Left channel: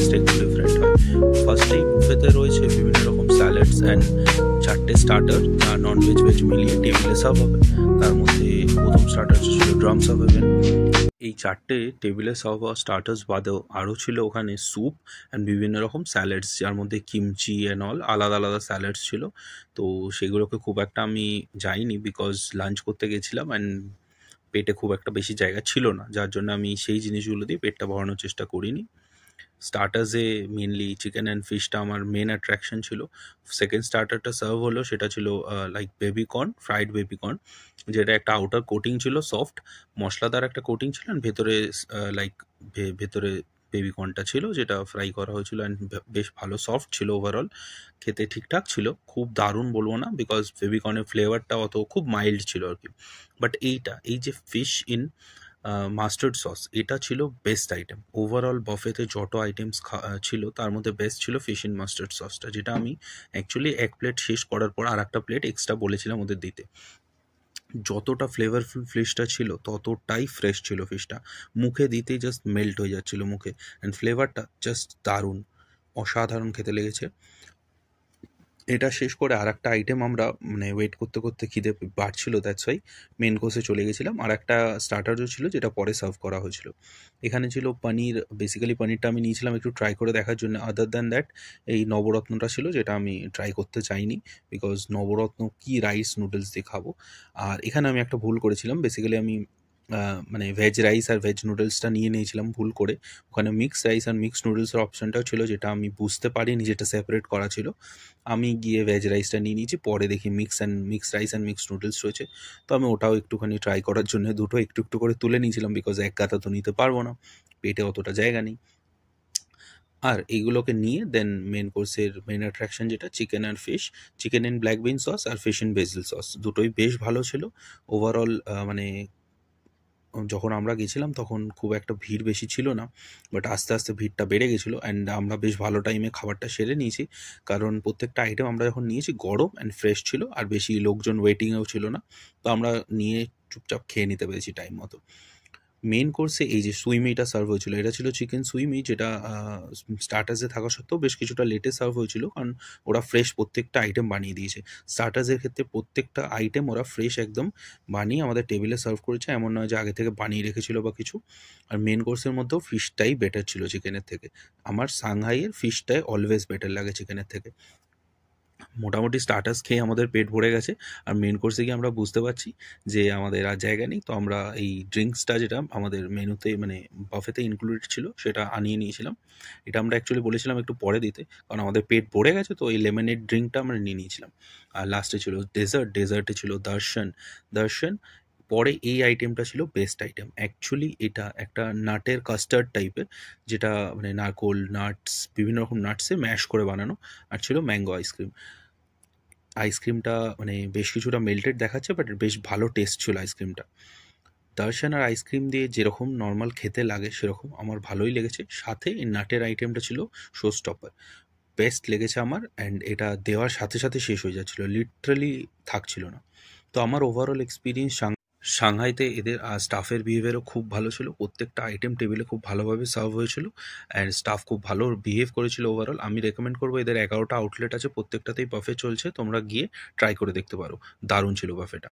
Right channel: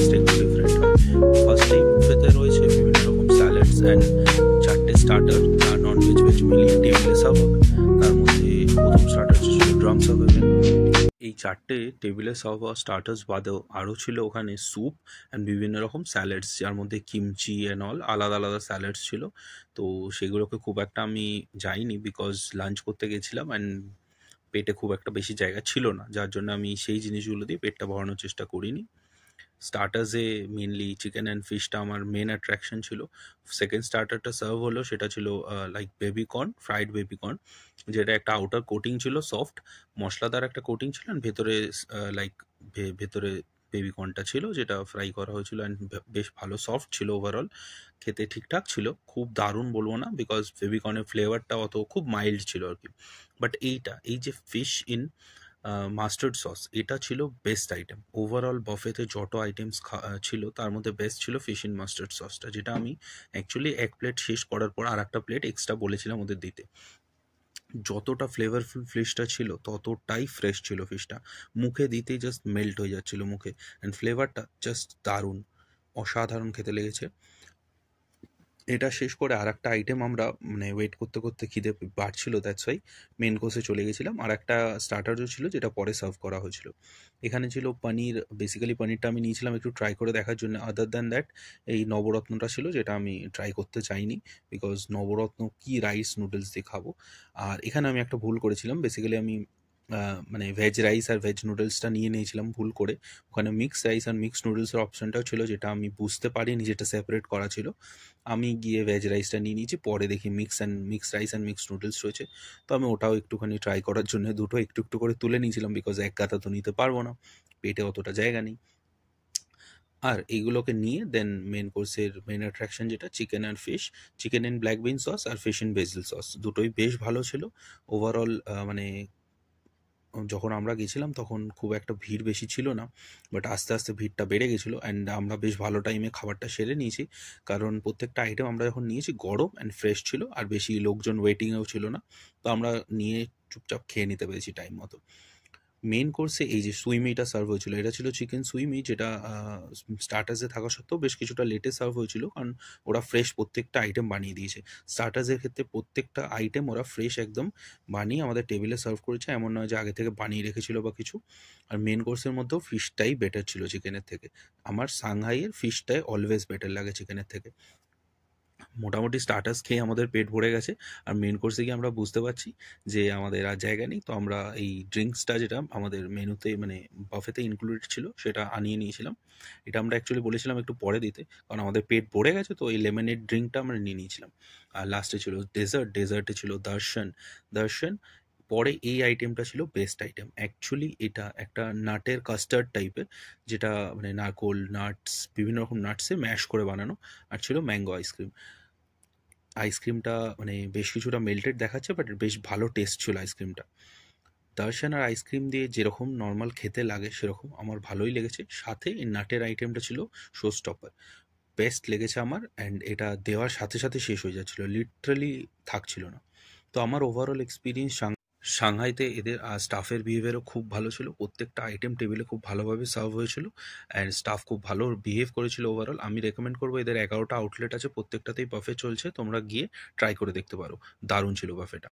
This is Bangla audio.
টেস্টটা একটু ডিফারেন্ট হয়। ফার্স্টেই বুফেতে রয়েছে বিভিন্ন রকম স্যালাডস অ্যান্ড 4টে স্টার্টার, নন ভেজ ভেজ মিলিয়ে টেবিলে সার্ভ হবে। তার মধ্যে প্রথম স্টার্টার ছিল ড্রাম সার্ভ। এই 4টে টেবিলে সার্ভ হওয়া স্টার্টার্স বাদেও আরও ছিল ওখানে স্যুপ অ্যান্ড বিভিন্ন রকম স্যালাডস, যার মধ্যে কিমচি অ্যান্ড অল আলাদা আলাদা স্যালাডস ছিল। তো সেগুলোকে খুব একটা আমি যাইনি, বিকজ লাঞ্চ করতে গেছিলাম অ্যান্ড পেটে খুব একটা বেশি জায়গা ছিল না, যার জন্য আমি সেই জিনিসগুলো দিয়ে পেটটা ভরানোর চেষ্টা করিনি। স্টার্টার্সে মেনলি চিকেন অ্যান্ড ফিশটা আমার মেন অ্যাট্রাকশন ছিল। সেকেন্ড স্টার্টারটা সার্ভ হলো, সেটা ছিল লাইক বেবিকর্ন, ফ্রাইড বেবিকর্ন, যেটা একটা আউটার কোটিং ছিল সফট, মশলাদার একটা কোটিং ছিল, অ্যান্ড ভেতরে লাইক ভেতরে বেবিকর্নটা ছিল যেটা ফ্রাই করা হয়েছিল, অ্যান্ড বেশ ভালো সফট ছিল। ওভারঅল খেতে ঠিকঠাক ছিল, খুব দারুণ বলবো না, বিকজ বেবিকর্নের ফ্লেভারটা অত খুব মাইল্ড ছিল আর কি। বাট এই যে ফিশ ইন মাস্টার্ড সস, এটা ছিল বেস্ট আইটেম। ওভারঅল বফেতে যত আইটেমস ছিল তার মধ্যে বেস্ট ছিল ফিশ ইন মাস্টার্ড সসটা, যেটা আমি অ্যাকচুয়ালি এক প্লেট শেষ করার পর আর একটা প্লেট এক্সট্রা বলেছিলাম ওদের দিতে। যতটা ফ্লেভারফুল ফিশটা ছিল ততটাই ফ্রেশ ছিল ফিশটা, মুখে দিতেই জাস্ট মেল্ট হয়ে যাচ্ছিল মুখে, অ্যান্ড ফ্লেভারটা জাস্ট দারুণ, অসাধারণ খেতে লেগেছে। এটা শেষ করে আর একটা আইটেম আমরা মানে ওয়েট করতে করতে খিদে বাড়ছিল, দ্যাটস ওয়াই মেন কোর্সে চলে গেছিলাম। আর একটা স্টার্টারও ছিল যেটা পরে সার্ভ করা হয়েছিল। এখানে ছিল পনির, বেসিক্যালি পনিরটা আমি নিয়েছিলাম একটু ট্রাই করে দেখার জন্য। আদার দ্যান দ্যাট এই নবরত্নটা ছিল যেটা আমি ট্রাই করতে চাইনি, বিকজ নবরত্ন কি রাইস নুডলস দিয়ে খাবো। আর এখানে আমি একটা ভুল করেছিলাম, বেসিক্যালি আমি মানে ভেজ রাইস আর ভেজ নুডলসটা নিয়ে নিয়েছিলাম ভুল করে। ওখানে মিক্সড রাইস আর মিক্সড নুডলসের অপশনটাও ছিল, যেটা আমি বুঝতে পারিনি যেটা সেপারেট করা ছিল। আমি গিয়ে ভেজ রাইসটা নিয়ে নিয়েছি, পরে দেখি mixed rice and mixed noodles রয়েছে। তো আমি ওটাও একটুখানি ট্রাই করার জন্য দুটো একটু একটু করে তুলে নিয়েছিলাম, বিকজ এক গাদা তো নিতে পারবো না, পেটে অতটা জায়গা নেই। আর এইগুলোকে নিয়ে দেন মেন কোর্সের মেন অ্যাট্রাকশন যেটা চিকেন আর fish, chicken in black bean sauce আর ফিশ ইন বেসিল সস, দুটোই বেশ ভালো ছিল। ওভারঅল মানে যখন আমরা গেছিলাম তখন খুব একটা ভিড় বেশি ছিল না, বাট আস্তে আস্তে ভিড়টা বেড়ে গেছিলো, অ্যান্ড আমরা বেশ ভালো টাইমে খাবারটা সেরে নিয়েছি, কারণ প্রত্যেকটা আইটেম আমরা যখন নিয়েছি গরম অ্যান্ড ফ্রেশ ছিল, আর বেশি লোকজন ওয়েটিংয়েও ছিল না। তো আমরা নিয়ে চুপচাপ খেয়ে নিতে পেরেছি টাইম মতো। মেন কোর্সে এই যে সুইমিটা সার্ভ হয়েছিল, এটা ছিল চিকেন সুইমি, যেটা স্টার্টার্সে থাকা সত্ত্বেও বেশ কিছুটা লেটে সার্ভ হয়েছিল, কারণ ওরা ফ্রেশ প্রত্যেকটা আইটেম বানিয়ে দিয়েছে। স্টার্টার্সের ক্ষেত্রে প্রত্যেকটা আইটেম ওরা ফ্রেশ একদম বানিয়ে আমাদের টেবিলে সার্ভ করেছে, এমন নয় যে আগে থেকে বানিয়ে রেখেছিল বা কিছু। আর মেন কোর্সের মধ্যেও ফিশটাই বেটার ছিল চিকেনের থেকে। আমার সাংহাইয়ের ফিশটাই অলওয়েজ বেটার লাগে চিকেনের থেকে। মোটামুটি স্টার্টার্স খেয়ে আমাদের পেট ভরে গেছে, আর মেন কোর্সে গিয়ে আমরা বুঝতে পারছি যে আমাদের আর জায়গা নেই। তো আমরা এই ড্রিঙ্কসটা যেটা আমাদের মেনুতে মানে বাফেতে ইনক্লুডেড ছিল সেটা আনিয়ে নিয়েছিলাম। এটা আমরা অ্যাকচুয়ালি বলেছিলাম একটু পরে দিতে, কারণ আমাদের পেট ভরে গেছে, তো এই লেমনেড ড্রিঙ্কটা আমরা নিয়ে নিয়েছিলাম। আর লাস্টে ছিল ডেজার্টে ছিল দর্শন। পরে এই আইটেমটা ছিল বেস্ট আইটেম অ্যাকচুয়ালি। এটা একটা নাটের কাস্টার্ড টাইপের, যেটা মানে নারকোল নাটস বিভিন্ন রকম নাটসে ম্যাশ করে বানানো, আর ছিল ম্যাঙ্গো আইসক্রিমটা মানে বেশ কিছুটা মেল্টেড দেখাচ্ছে, বাট বেশ ভালো টেস্ট ছিল আইসক্রিমটা। দর্শন আর আইসক্রিম দিয়ে যেরকম নর্মাল খেতে লাগে সেরকম আমার ভালোই লেগেছে, সাথে এই নাটের আইটেমটা ছিল শো স্টপার, বেস্ট লেগেছে আমার। অ্যান্ড এটা দেওয়ার সাথে সাথে শেষ হয়ে যাচ্ছিলো, লিটারালি থাকছিল না। তো আমার ওভারঅল এক্সপিরিয়েন্স সাংহাইতে এদের স্টাফের বিহেভিয়ারও খুব ভালো ছিল, প্রত্যেকটা আইটেম টেবিলে খুব ভালোভাবে সার্ভ হয়েছিল, অ্যান্ড স্টাফ খুব ভালো বিহেভ করেছিল ওভারঅল। আমি রেকমেন্ড করবো, এদের 11টা আউটলেট আছে, প্রত্যেকটাতেই বাফে চলছে, তোমরা গিয়ে ট্রাই করে দেখতে পারো, দারুণ ছিল বাফেটা।